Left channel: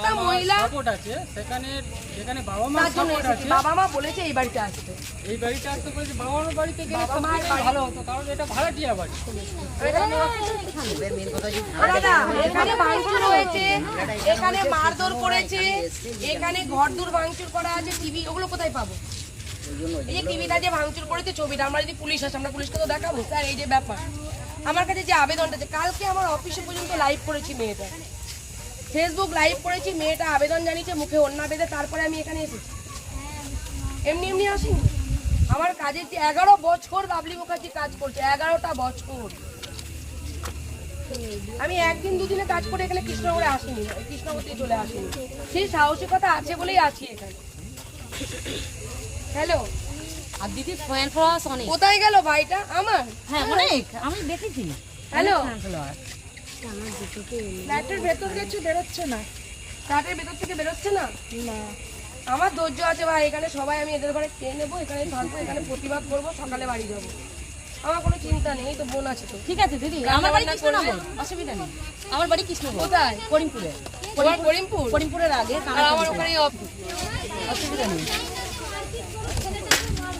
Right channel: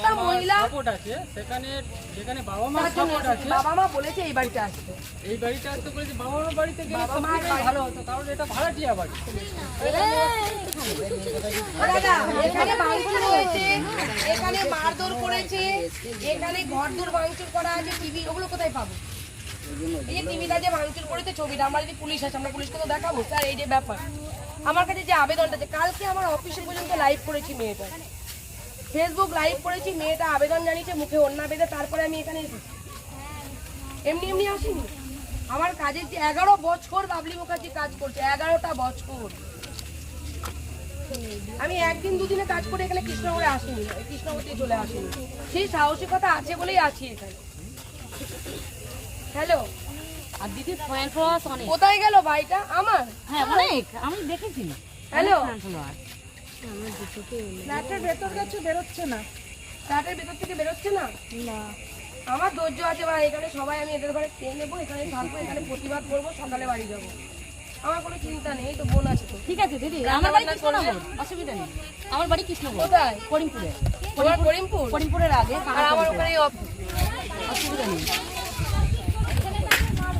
একটা মহিলা সাপোর্ট আছে সেখানে যেখানে বাবা মা সাপোর্ট আছে। বাবা মা বলেছে এই বাড়িতে আসতে। এই বাড়িতে আসতে বলেছে বাবা মা বাড়িতে গেলে ভালো হতো কারণ এটা ভাড়াটিয়া বাড়ি। দাদা এখানে ভাঙচুর হয়েছে এখানে মারধর করেছে এখানে ঘর দূর ভাঙচুর করা আছে টিভি ওগুলো কোথায় পাবো? এই যে টিভিটা যে ভাঙচুর করেছে ছবিটা আমরা যদি পুলিশ আসে আমরা পুলিশকে তো দেখাবো। স্যার এই যে ব্যাপার। আমার কাছে যে আবেদনটা আছে কালকে আমার অফিসে পর্যন্ত লাইভ করেছি মেয়েটা। ফেসবুক লাইভ করেছি মেয়েটা আবেদন জানিয়েছে মুখে অন্যা বেঁধে তারপরে আমি এখানে এসেছি। এমনি এমনি আসিনি। আমার কাজের যে এগারো বছর বাবলি মুখার্জি কাজ করছে এগারোটা বছর। আমি একদিন দুদিনে কাজ করে এখানে কৃষ্ণনগরে আসিনি কৃষ্ণনগর থেকে চলে আসিনি। সেই সাহসিকতা আছে বলেই আছি এখানে। হ্যালো আর দিদি ফ্যান ফ্লাস কোথায় গেল ভাইটা? আমার? হ্যাঁ অনেক। আমি দেখেছি। হ্যালো ফ্ল্যাটের ভেতর গেছে বেরোচ্ছে না। ফ্ল্যাটের ভেতর থেকে বেরোচ্ছে না? না। আমার ধৈর্য আছে ভাই এখানে সবাই আমি এদের ঘরে খেয়ে নেব এখানে থাকব এখানে প্রতিবাদ করব সকালে বাড়ি যাব। আমার কোনো চিন্তা নেই তো বোন আছে তো। ঠিক আছে দিদি আমার বাড়ি কৃষ্ণনগর অসুবিধা নেই। আমার বাড়ি কৃষ্ণনগর কোথায়? করিমপুরে। করিমপুর? করিমপুরের আগে আর আমার ওখানে অসুবিধা নেই প্রতিদিনই মাছ আর শুনুন দিদি ভাই আপনি যখন বলছিলেন যে আমার সপ্তাহে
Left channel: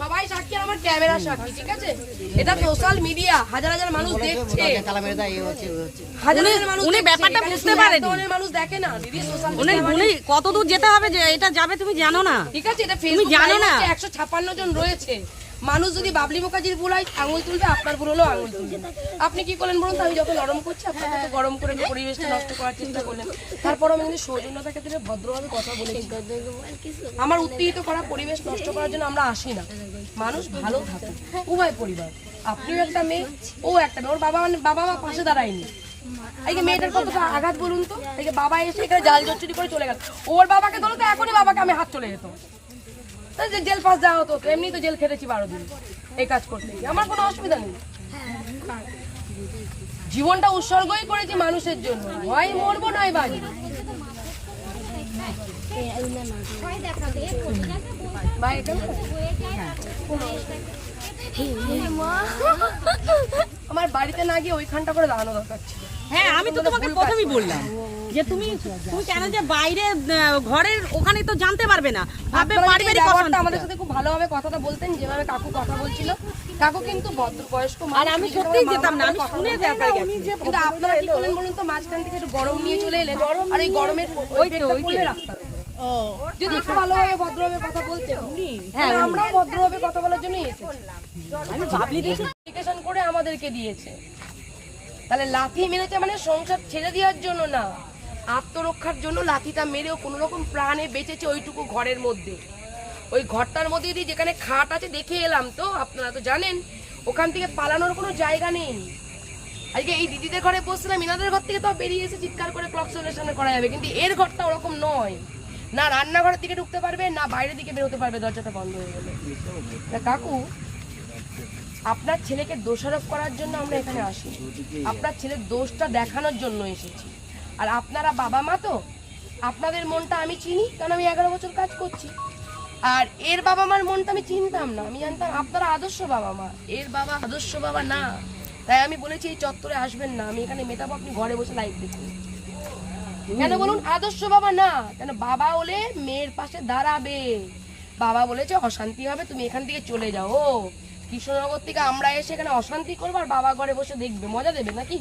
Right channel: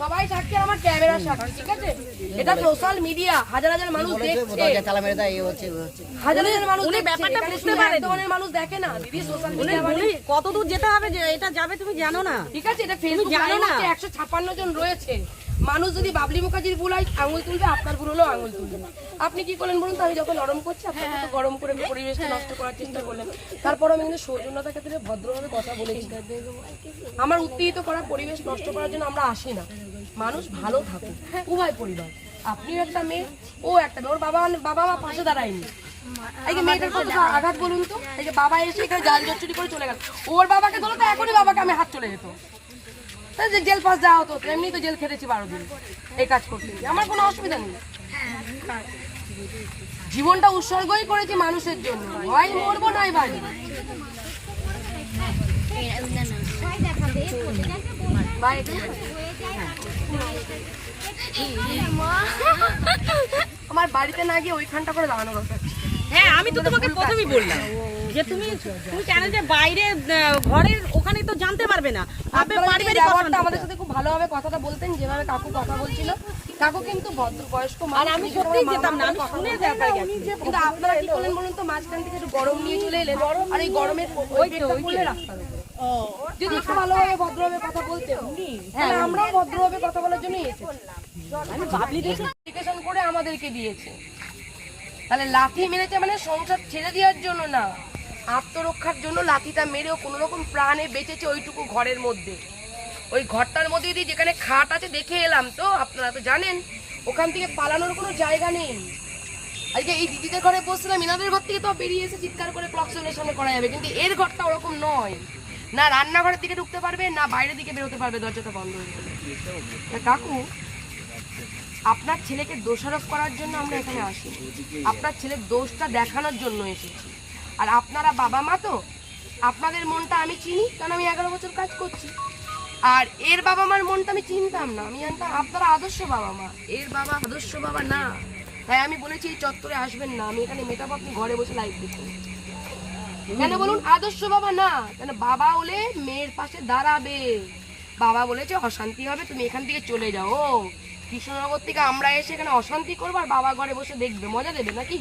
সবাই সাক্ষী আমার ক্যামেরা সাক্ষী ঠিক আছে? এটা সোশ্যাল মিডিয়া হাজার হাজার মানুষ দেখছে। হাজার হাজার মানুষ উনি ব্যাপারটা বুঝতে পারে। মানুষ দেখে না দিদি সোশ্যাল উনি কত দূর যেতে হবে যে এটা যাবে তুমি জানো না। ঠিক আছে এটা ফেসবুক জানো না? না একশো ছাপ্পান্ন জন রয়েছে। মানুষ যদি বাবলি মুখার্জির ভুল হয়, আঙুল তুলবে, আপনার ভুল হলেও আঙুল তুলবে। আপনি কি করলেন বলুন আমি যখন নরম করছি আপনাকে তো গরম করে পরিবেশটা নষ্ট করার চেষ্টা করলেন তারপর আমি কিন্তু সৌজন্যতাকে থেকে ভদ্রভাবে কথা বলেছি। আমার উত্তেজিত করা পরিবেশ নষ্ট করার জন্য আমরা আসি না। মানুষ ভালো থাকুক। উভয় পরিবার। আপনিও একটা মেয়ে, ও একটা মেয়ে। ওর বাবা বাবা মা পাশে দাঁড়ায়নি। আঘাত বলুন তো? বাবা এসে জাল করে চলে গেল। ওর বাবাকে তো, এখনই বাবাকে আমি হাত চলে যেত। যে জেল পাস যাওয়া হতো এমনি তো জেল খেটেছি বারো দিন। এই কাজ করতে আমার কোনো অসুবিধা নেই। জীবনটা উৎসর্গই করেছি মানুষের জন্য। হয় মরবো নয় বাড়ি আমার বাড়িতে না গিয়ে ওইখানটা করে দাঁড়ানো দরকার হ্যাঁ আমি তো তোমাকে প্রথমেই বললাম। যে তুমি তুমি কেন যে বাইরে ঘরের ওখানে তো জানতে পারবে না। পারিবারিক অশান্তি। আমাদের সাথে খুব ভালোভাবে কথাটা বলতেন যেভাবে কাকু কথা বলছিল। কাকু কিন্তু ভদ্র বয়স্ক আর আমি আমার যেতাম না আমি শুনে বলতেন। তারপরে গেছি। কিন্তু আপনারা কি করলেন বলুন তো মাঝখান থেকে একটু গরম নিয়ে চলে এলেন আর এই গরমের ওই পড়লে রাস্তার উপরে। যদি একটু ভালোভাবে ভদ্রভাবে কথা বলতেন তাহলে আমরাও ভদ্রভাবে কথা বলার জন্যই এসেছি। করে আমাদেরকে দিয়েছে। তাহলে লাঠি মেরেছে মানে সংসার ছেড়ে দেওয়ার জন্য না। আত্মরক্ষার জন্য লাঠিটা মেরেও কোনো রকম প্রাণে বেঁচেছে ওইটুকু ঘরের মধ্যে। ওই ঘরটার মধ্যে দিয়ে যেখানে খাট আছে, দেখে এলাম তো, আপনারা তো জানেন, ওখান থেকে পালানোর কোনো জায়গা নেই। আজকে এই দিদিদের ঘরে বসছিলাম ইনাদের ঘর থেকে তো বেরিয়ে এসে চিৎকার করে ক্লক সেলের সামনে করা যাবে, কিন্তু এর ঘরটা ওরকম নয়। না রান্নাঘরের দিকে ঢুকতে পারবে, না বাইরের দিকে বেরোতে পারবে, দরজাটা বন্ধ হয়ে গেলে। কাকু, আপনার ছেলেকে দোষারোপ করার জন্য আমরা এখানে আসি আপনার ছেলের দোষটা দেখানোর জন্য এসেছি। আর আপনারা বাবা মা তো, আপনাদের মনটা আমি চিনি, কারণ আমি এগারো বছর কাজ করছি। আর এর বাবা মার মনটা আমি চিনতাম না, আমি জানতাম আপনারা আদর্শ বাবা মা। এর বাবা আদর্শ বাবা না। তাই আমি বলেছি, এই চত্বরে আসবেন না, আমি এখানে মেটাবো আপনি ঘরে বসে লাইভ দেখুন। কেন বলুন আদর্শ বাবা না? কেন বাবা হলে মেয়ের পাশে দাঁড়াবে। বাবা বলেছে, অশান্তি হবে, তুমি এখান থেকে চলে যাও। কৃষ্ণনগর থেকে আমরা এসে এখানে অশান্তি করব, আর বাবা ঘরে বসে দেখবে। মজা দেবে নাকি?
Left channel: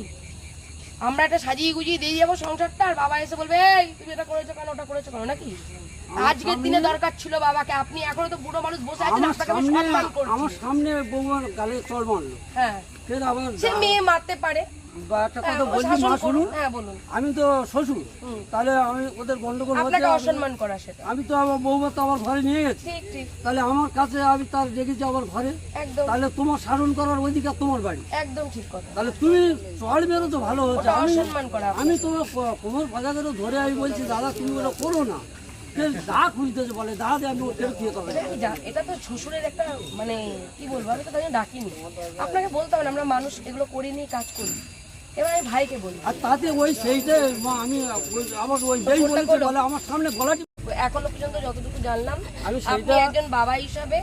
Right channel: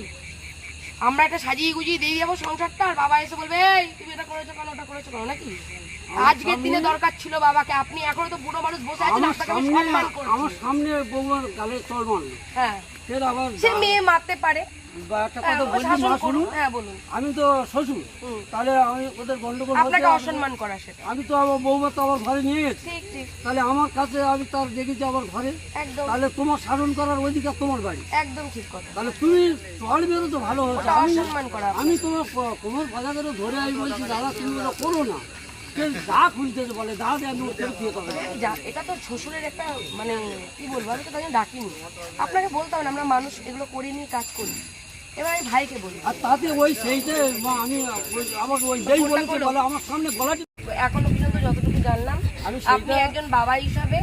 আমরা একটা সাজিয়ে গুজিয়ে দিয়ে যাব সংসারটা আর বাবা এসে বলবে এই তুমি এটা করেছ কেন ওটা করেছ কেন নাকি? আজকের দিনে দরকার ছিল বাবাকে আপনি এখনও তো বুড়ো মানুষ বসে আছেন আপনাকে আমি সম্মান করছি। আমার সামনে বৌমার গালে চড় মারলো। হ্যাঁ। সে মেয়ে মারতে পারে বা একটা হ্যাঁ, কথা বলছি মা শুনুন। হ্যাঁ বলুন। আমি তো শ্বশুর। তাহলে আমি ওদের গন্ডগোল আপনাকে অসম্মান করা সেটা। আমি তো আমার বৌমা তো আমার ঘরে নিয়ে গেছি। ঠিক ঠিক। তাহলে আমার কাছে আমি তার দেখেছি আমার ঘরে। একদম। তাহলে তোমার শাসন করার অধিকার তোমার বাড়ি। একদম ঠিক কথা। তাহলে তুমি চল বেরো তো ভালো হচ্ছে আমি অসম্মান করা আমি তোমার কোমর বাজারেও ধরে আমি বলছি দাদা তুমি ওটা করো না। দা বলে দা দিয়ে আমি এটা তো শ্বশুরের একটা মানে কি বলব আমি তো তাই ডাকিনি। আপনাকে বলতাম আমরা মানুষ এগুলো করিনি কাজ করি এবার আমি ভাইকে বলি। আর তাতে ওই সেইটা আমি ওই- ওই যেই বলেছে বলে আমার সামনে গলা এখনও পর্যন্ত যতটুকু জানলাম আমি আপনি একজন বাবা হিসাবে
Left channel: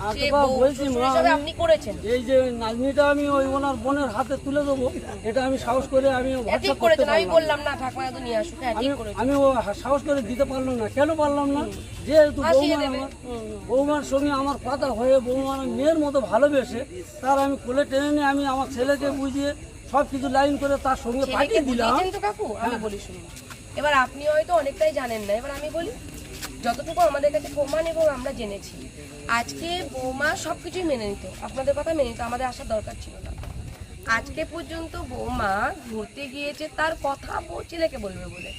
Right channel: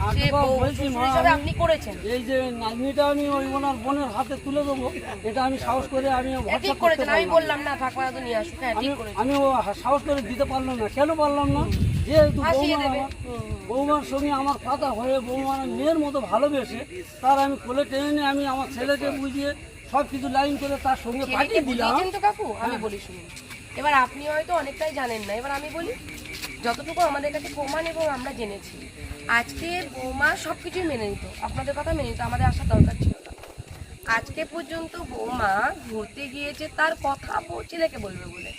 আর সে বাবা বউ- বলছি, শ্বশুর মা, হিসাবে আমি- আপনি করেছেন। এই যে নাতনিটা আমি ওই ওনার বোনের হাতে তুলে দেবো এটা আমি সাহস করে আমি ঠিক করেছেন আমি বললাম না ঠাকুমা তো নিয়ে আসুক আমি ঠিক করেছেন। আমি ও সাহস করে দিতে পারলাম না কেন পারলাম না? যেহেতু ভাসিয়ে বৌমা আমার বৌমার সঙ্গে আমার পাতা হয়ে বৌমার মেয়ের মতো ভালোবেসে তার আমি কোলে টেনে নিয়ে আমি আমার ছেলেকে বুঝিয়ে সব কিছু লাইন করে তার সঙ্গে পাঠিয়ে দিলাম। কাকু? আমি বলি শুনুন। এবার আপনি হয়তো অনেকটাই জানেন না। এবার আমি বলি যতটুকু আমাদের কাছে প্রমাণ এবং আমরা জেনেছি আজকে বৌমা সব কিছুই মেনে নিত। আপনাদের কথা মেনে নিত আমাদের আসার দরকার ছিল না। আজকে পর্যন্ত বৌমা ঘুরতে গিয়েছে তার কথা ছেলেকে বলবে বলে।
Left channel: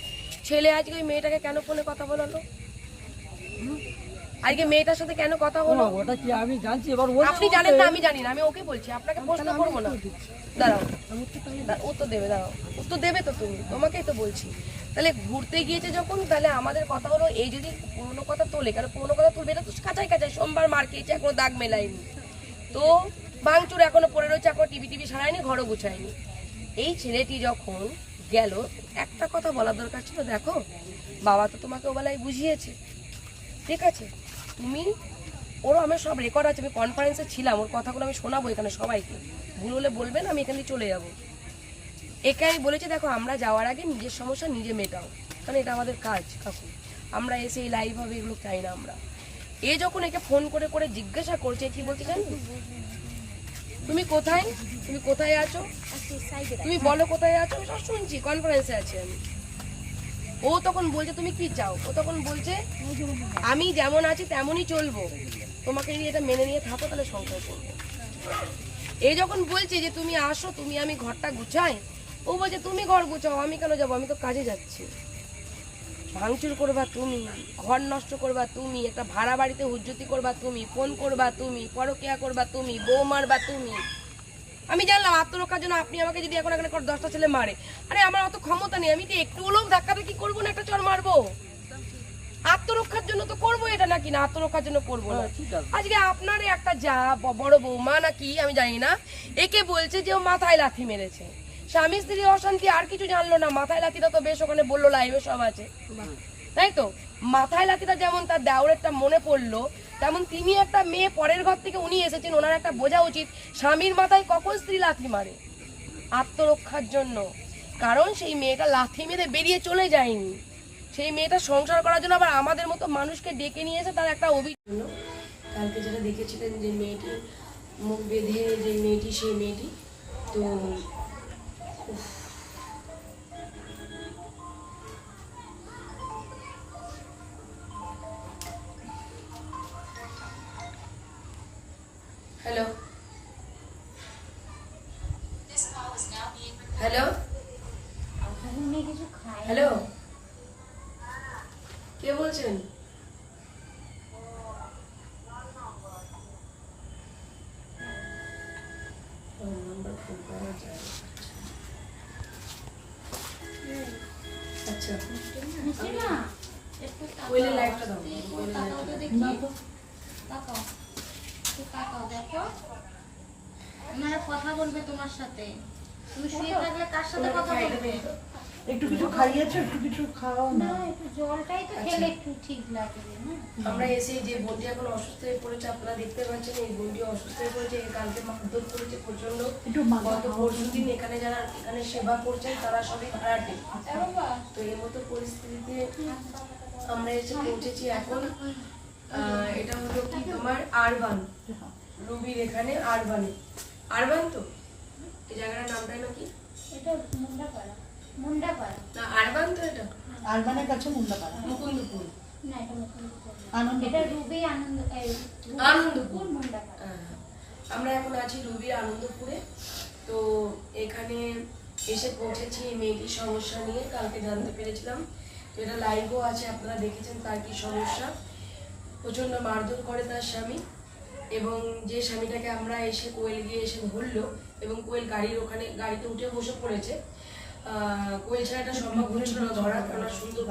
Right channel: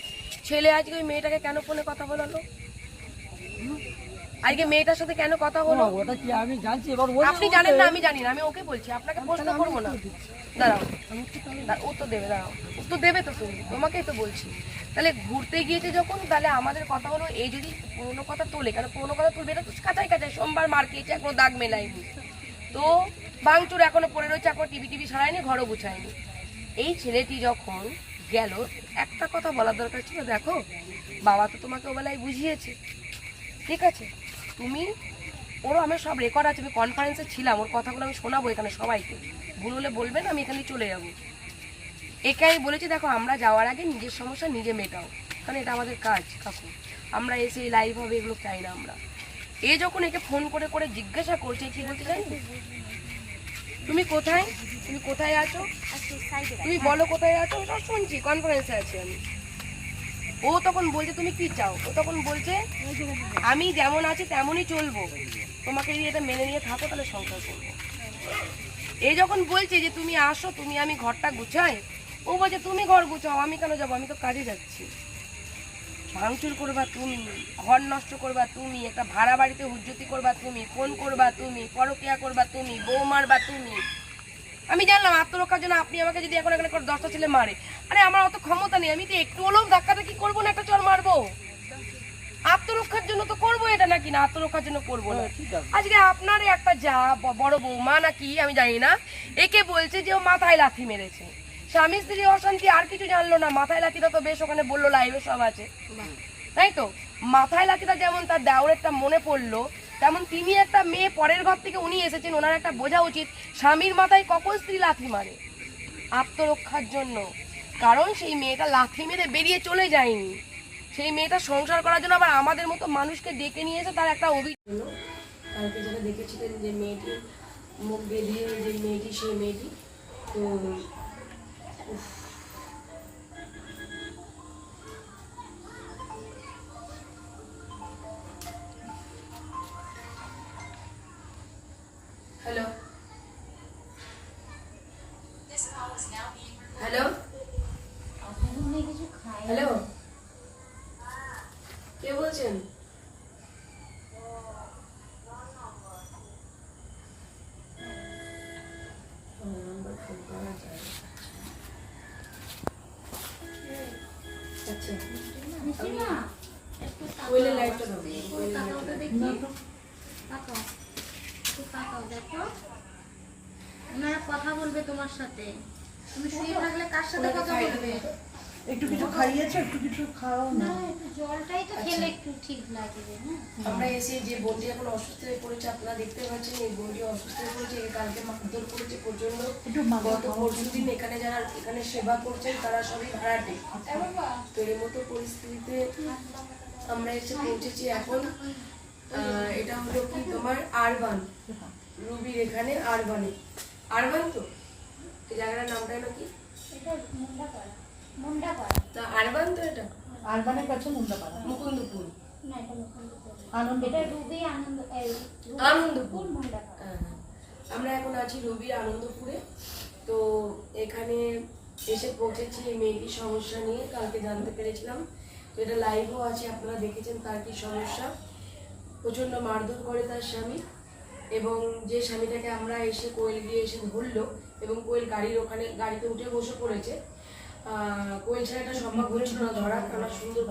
ছেলে আজকে ওই মেয়েটাকে কেন ফোনে কথা বলালো? হুম? আজকে মেয়েটার সাথে কেন কথা বলো? ওটা কি আমি জানছি? এবার আপনি জানেন না আমি জানি না আমি ওকে বলছি আপনাকে প্রশ্ন করব না। দাঁড়াও ও তো দেবে দাঁড়াও ও তো দেবে তো তুমি তোমাকেই তো বলছি। তাহলে ঘুরতে গিয়েছে যখন তাহলে আমাদের কথা হলো এই যদি পুরোনো কথা তোলে কারণ পুরোনো কথা তুলবে এটা তো কাঁচাই কাঁচাই সোমবার মার খেয়েছে এখনও দাগ মেলায়নি। তো বাংচুর এখনও পড়ে রয়েছে এখনও টিভি টিভি সারায়নি ঘরও গুছায়নি। এই ছেলেটি যখন গেল একটা কথা বলার দরকার ছিল দেখো বাবা তো তোমাকে ওবেলায় বুঝিয়েছে। ঠিক আছে? তুমি? ওরও আমার সব রেকর্ড আছে আমি কনফারেন্সে ছিলাম ওর কথাগুলো আমি শোনাবো এখানে সবাইকে। ভুল হলে বলবেন আমি এখান চলে যাব। একে আমি বলেছি দেখো আমরা যাওয়ার আগে নিজের সমস্যা নিজে মেটাও। কারণ এটা আমাদের কাজ কাকু আমরা এসে এই লাইভ হবে এগুলো চাই না আমরা। এ যখন একে ফোন করে করে জিজ্ঞাসা করছে কি বলতে জানি তুমি কোথায়? তুমি কোথায় আছো? তুমি বলো কোথায় আছো? সব শুনছি কনফারেন্সে আছি আমি। ও তখন বলছে, তুমি কি চাও? ও তখন বলছে, আমি যেমন আছি তেমনই চলবো। তোমাকে যদি এটা মেনে নিয়ে থাকো, তাহলে সংসার করব। এই যখন বলছে যে, তুমি আসো, তুমি আমি ঘরটা গুছাই। ও বলছে, তুমি ঘর গুছাও, আমি কেন যাব? আমি তো কাজে যাচ্ছি। ভাঙচুর করবা তুমি, ঘর নষ্ট করবা তুমি, একটা ভাড়া বাড়িতে হুজ্জতি করবা তুমি, ফোন করবা তুমি, পরকিয়া করবা তুমি, বউ মারবা তুমি। আমি জানলাম আত্মরক্ষার জন্য আপনি আমাকে যদি এখন এখানে করে দশটা ছেলে মারে। আরে আমার অত ক্ষমতা নেই আমি তো একটু হলেও ধাক্কাটা কি করব না একটা চর মারবো? আত্মরক্ষার জন্য তো করব এটা নাকি না? আত্মরক্ষার জন্য করব না। ঠিক আজকে আপনার একটা যা ব- বড় বৌমা নাকি আমি জানি না একে বলছে যে ও মাথায় লাথি মেরেছে। স্বামী স্ত্রী অশান্তি আর কিছু জানলো না মাথায় লাথিটা তো বেশ ওখানে বলল লাইভে সব আছে। তাই তো? মাথায় লাথিটা যেমন তার দেওরেরটা মনে পড়ল তেমন তিনি একটা মেয়ে, পরের ঘর থেকে উনি এসেছেন, ওনার একটা বোঝা উচিত, স্বামীর মাথায় কখন স্ত্রী লাথি মারে? আত্মরক্ষার জন্য। কারণ সেই মেয়েটা লাথি মেরে বেরিয়ে চলে যায়নি। সেই মেয়েটা সংসার করার জন্য আবার আমাদের মতো মানুষকে ডেকে নিয়ে এসে তার একটা অভিযোগ কালকে যেটা দেখেছিলেন যে মেয়েটি মুখ বেঁধে যে মেয়েটি, সেই মেয়েটি, তো হ্যালো? কে বলছেন? আচ্ছা। ওইলে লাইটটা দাও। ওইলে লাইটটা দাও। ওনারা কথা বলবে তোমার সাথে। তুমি শুয়ে থাকলে কার সাথে কথা বলবে? একটু কিছু খাইয়েছো একটু কিছু খাওয়াও না? একটু জলটাই তো খেলে একটু ঠিক লাগবে না? আমরা এসে যে বন্দি এখন অসুস্থ হয়ে পড়েছে আপনারা দেখতে পাচ্ছেন এই বন্দি অসুস্থ হয়ে পড়েছে কালকে মারধর করেছে প্রচণ্ড গত পরশু দিন এখানে যারা এখানে সেবা করছেন তারা সবই ভাড়াটে তো এই মতো পরিস্থিতিতে আমরা এসে পৌঁছেছি এখন। আহ, এটা হলো কি তোমার আরবান। রুবির এখানে আরবানে। আরবান তো? জায়গাটার নামটা না কি এটা মুন্ডা পাড়া না আরবান তো এটা? আরবানের কাছে মুন্ডাপাড়া। মুকুন্দপুর। না এটা মুকুন্দপুর আনন্দ এটা রুবি আনন্দ আনন্দপুর। মুন্ডা হ্যাঁ। আমরা এখন আছি রবি আনন্দপুরে। তো এখানে এসে পৌঁছেছি এই মেয়েটির সমস্যা নিয়ে কালকে জানতে পেরেছিলাম। এটা লাইভও আছে আপনারা দেখেছেন তার কি সমস্যা। প্রচণ্ড মারধর করে তার স্বামী। এবং যে স্বামীটাকে আমরা এসে কোয়েল গিয়ে এসে ধরলো এবং কোয়েল গাড়ির ওখানে, গাড়িতে উঠে বসে পড়েছে। কোয়েল ছাড়া এটা সম্ভব হচ্ছিল না ধরা সুন্দর